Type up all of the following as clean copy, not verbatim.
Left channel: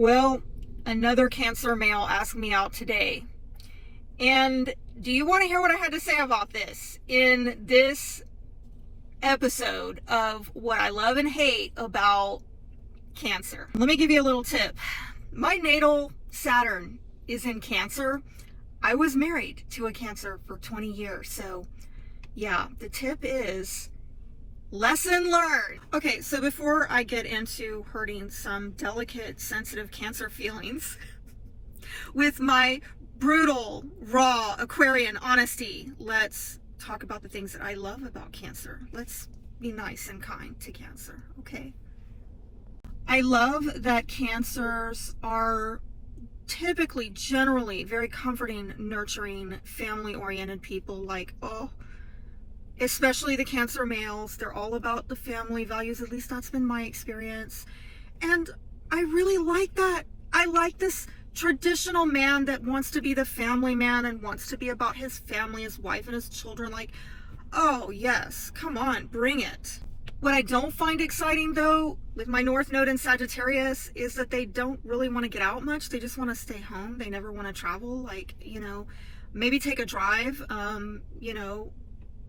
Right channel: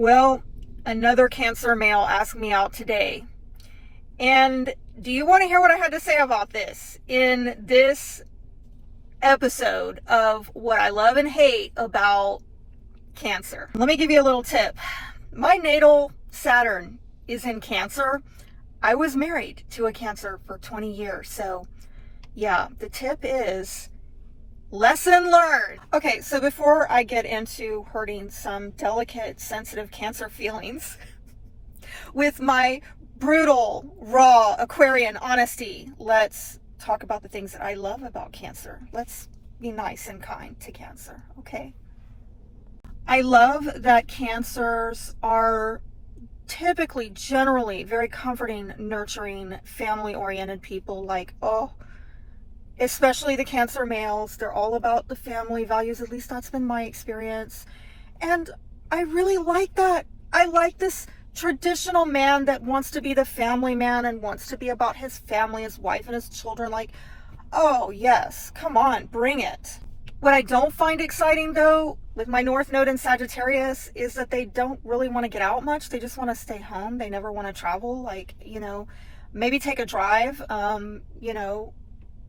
Well, another Cancer male asked me out today. And do you want to hear what I had to say about this in this episode of what I love and hate about Cancer? Let me give you a little tip. My natal Saturn is in Cancer. I was married to a Cancer for 20 years. So yeah, the tip is lesson learned. Okay, so before I get into hurting some delicate, sensitive Cancer feelings with my brutal, raw Aquarian honesty, let's talk about the things that I love about Cancer. Let's be nice and kind to Cancer, okay? I love that Cancers are typically, generally, very comforting, nurturing, family-oriented people. Like, especially the Cancer males, they're all about the family values. At least that's been my experience. And I really like that. I like this traditional man that wants to be the family man and wants to be about his family, his wife and his children. Like, oh yes, come on, bring it. What I don't find exciting though, with my North Node in Sagittarius, is that they don't really want to get out much. They just want to stay home. They never want to travel. Like, maybe take a drive,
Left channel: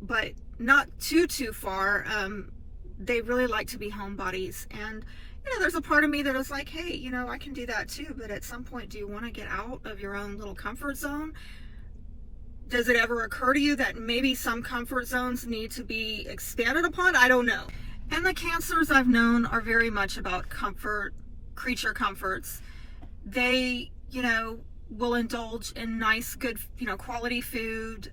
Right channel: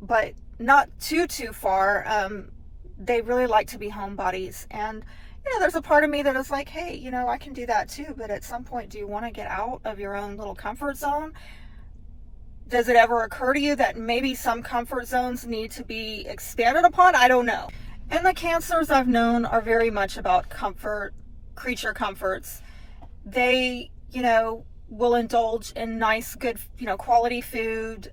but not too far. They really like to be homebodies. And, there's a part of me that is like, hey, I can do that too. But at some point, do you want to get out of your own little comfort zone? Does it ever occur to you that maybe some comfort zones need to be expanded upon? I don't know. And the Cancers I've known are very much about comfort, creature comforts. They, will indulge in nice, good, quality food,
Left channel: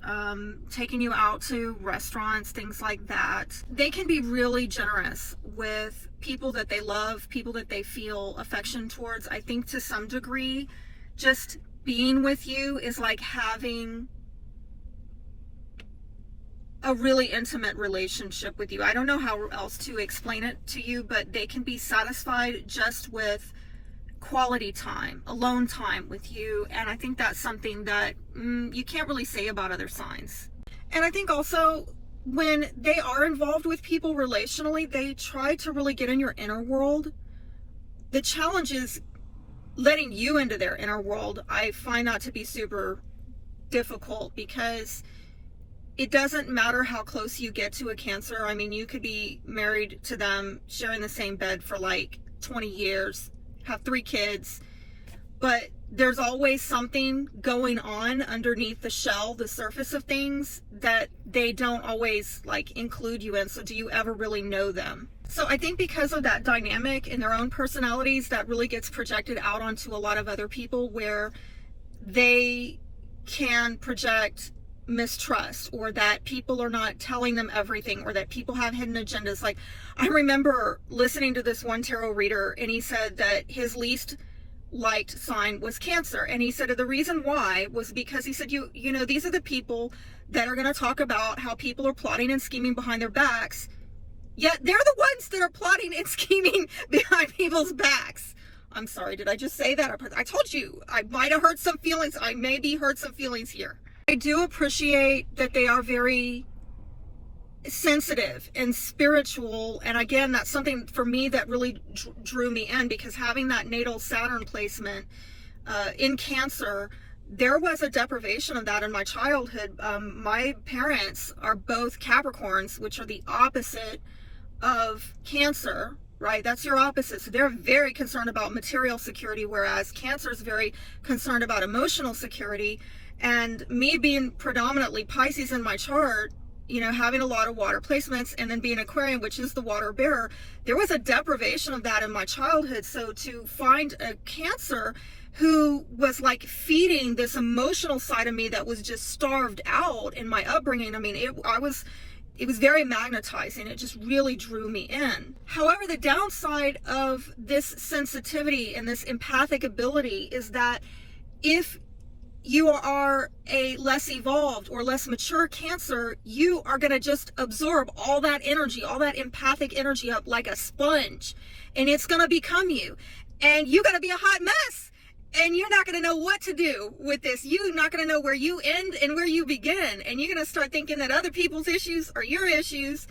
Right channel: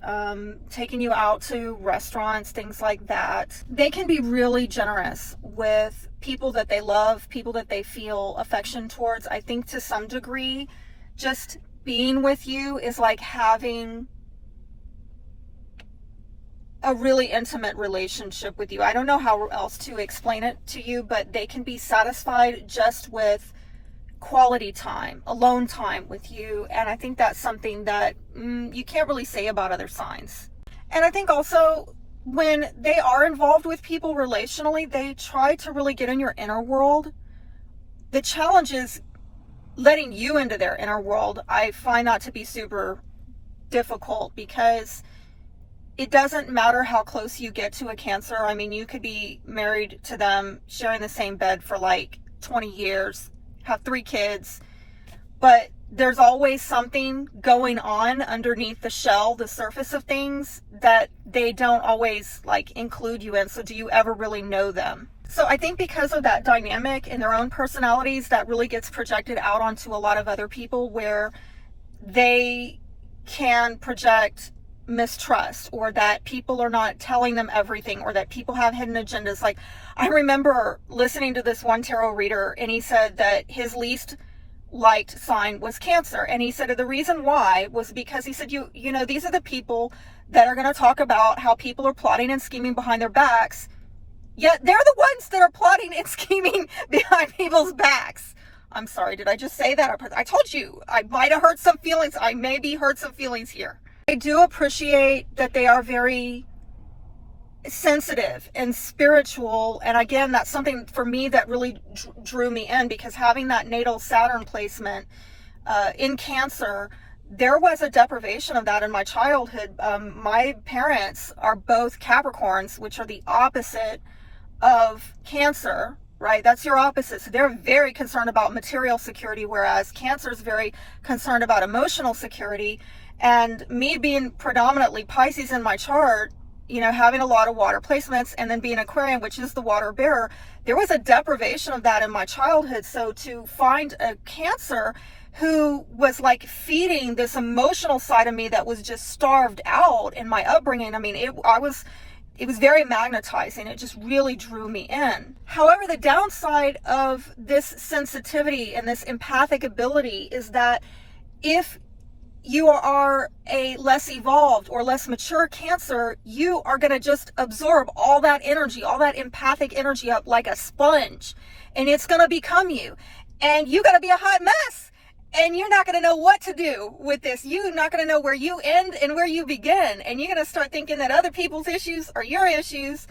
taking you out to restaurants, things like that. They can be really generous with people that they love, people that they feel affection towards. I think to some degree, just being with you is like having a really intimate relationship with you. I don't know how else to explain it to you, but they can be satisfied just with quality time, alone time with you. And I think that's something that you can't really say about other signs. And I think also when they are involved with people relationally, they try to really get in your inner world. The challenge is letting you into their inner world. I find that to be super difficult because it doesn't matter how close you get to a Cancer. I mean, you could be married to them, sharing the same bed for like 20 years, have 3 kids, but there's always something going on underneath the shell, the surface of things, that they don't always like include you in. So do you ever really know them? So I think because of that dynamic in their own personalities, that really gets projected out onto a lot of other people, where they can project mistrust, or that people are not telling them everything, or that people have hidden agendas. Like, I remember listening to this one tarot reader, and he said that his least liked sign was Cancer, and he said the reason why was because he said, these are the people that are going to talk about how people are plotting and scheming behind their backs, yet they're the ones that are plotting and scheming behind people's backs. I'm sorry, did I just say that? I told you I might have hurt some feelings. I maybe hurt some feelings here. I do appreciate that they are very sensitive and spiritual. And again, that's something for me that really drew me in, because having that natal Saturn placement in Cancer, there was a deprivation of that in my childhood. My parents are both Capricorns, which are the opposite of Cancer, right? That's your opposite. So they're very concerned about material security, whereas Cancer is very concerned about emotional security. And me being predominantly Pisces in my chart, having a lot of water placements, and then being Aquarian, which is the water bearer, there was a deprivation of that in my childhood. So to find a Cancer who was like feeding this emotional side of me that was just starved out in my upbringing, I mean, it was very magnetizing. It just really drew me in. However, the downside of this sensitivity and this empathic ability is that if you are a less evolved or less mature Cancer, you are going to just absorb all that energy, all that empathic energy up like a sponge, and it's going to become you. And you got to be a hot mess, and you're not going to know what to do with this. You're not going to know where you end and where you begin. And you're going to start thinking that other people's issues are your issues,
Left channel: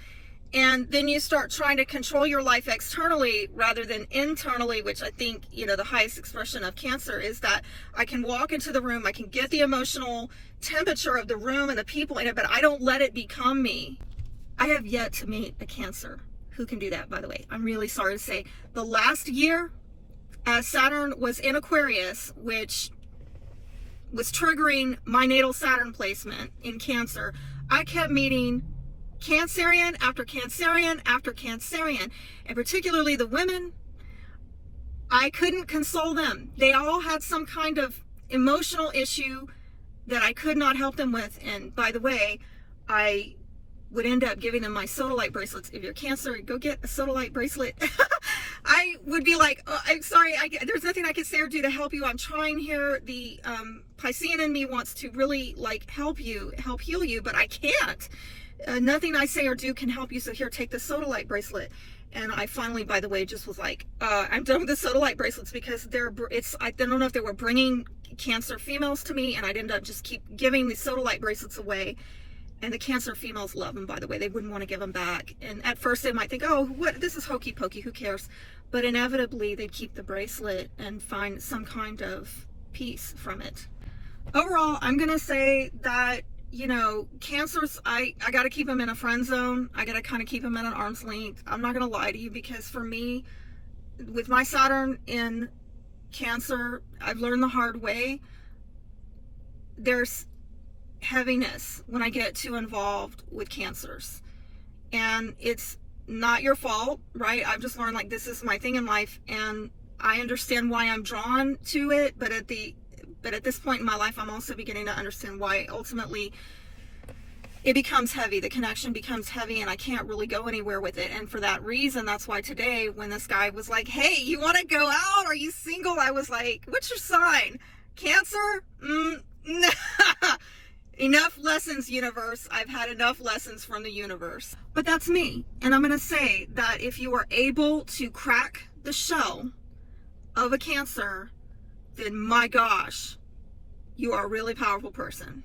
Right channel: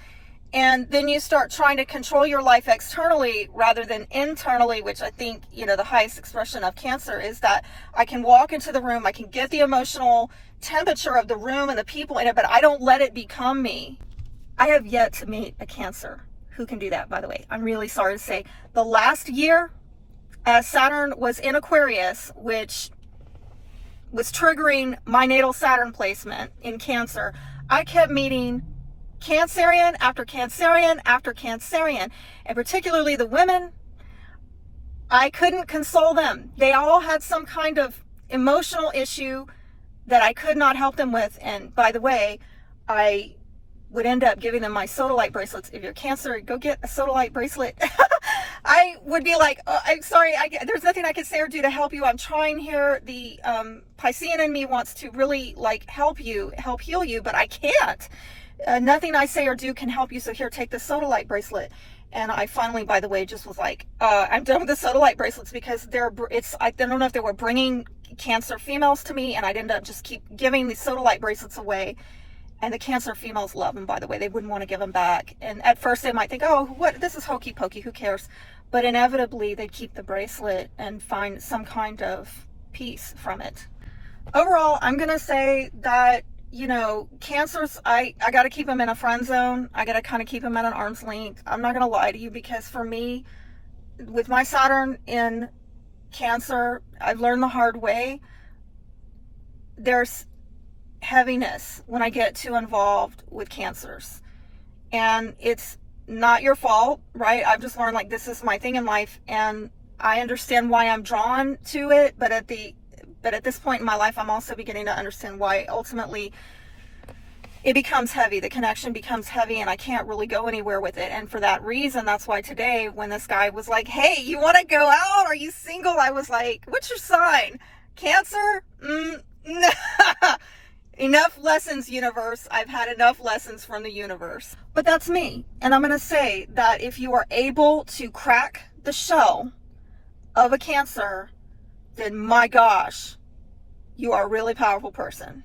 And then you start trying to control your life externally rather than internally, which I think, the highest expression of Cancer is that I can walk into the room, I can get the emotional temperature of the room and the people in it, but I don't let it become me. I have yet to meet a Cancer who can do that, by the way. I'm really sorry to say. The last year, Saturn was in Aquarius, which was triggering my natal Saturn placement in Cancer. I kept meeting Cancerian after Cancerian after Cancerian, and particularly the women. I couldn't console them. They all had some kind of emotional issue that I could not help them with. And by the way, I would end up giving them my sodalite bracelets. If you're Cancer, go get a sodalite bracelet. I would be like, oh, I'm sorry, there's nothing I can say or do to help you. I'm trying here. The Piscean in me wants to really help heal you, but I can't. Nothing I say or do can help you, so here, take the sodalite bracelet. And I finally, by the way, just was like, I'm done with the sodalite bracelets, because I don't know if they were bringing Cancer females to me, and I'd end up just keep giving these sodalite bracelets away. And the Cancer females love them, by the way. They wouldn't want to give them back. And at first they might think, oh, what? This is hokey pokey, who cares? But inevitably they'd keep the bracelet and find some kind of peace from it. Overall, I'm going to say that, Cancers, I got to keep them in a friend zone. I got to kind of keep them at an arm's length. I'm not going to lie to you, because for me, with my Saturn in Cancer, I've learned the hard way. There's heaviness when I get too involved with Cancers, and it's not your fault, right? I've just learned this is my thing in life, and I understand why I'm drawn to it, but at this point in my life, I'm also beginning to understand why ultimately it becomes heavy. The connection becomes heavy, and I can't really go anywhere with it. And for that reason, that's why today, when this guy was like, hey, you want to go out? Are you single? I was like, what's your sign? Cancer? Enough lessons, universe. I've had enough lessons from the universe. But that's me. And I'm going to say that if you are able to crack the shell of a Cancer, then my gosh, you are a really powerful person.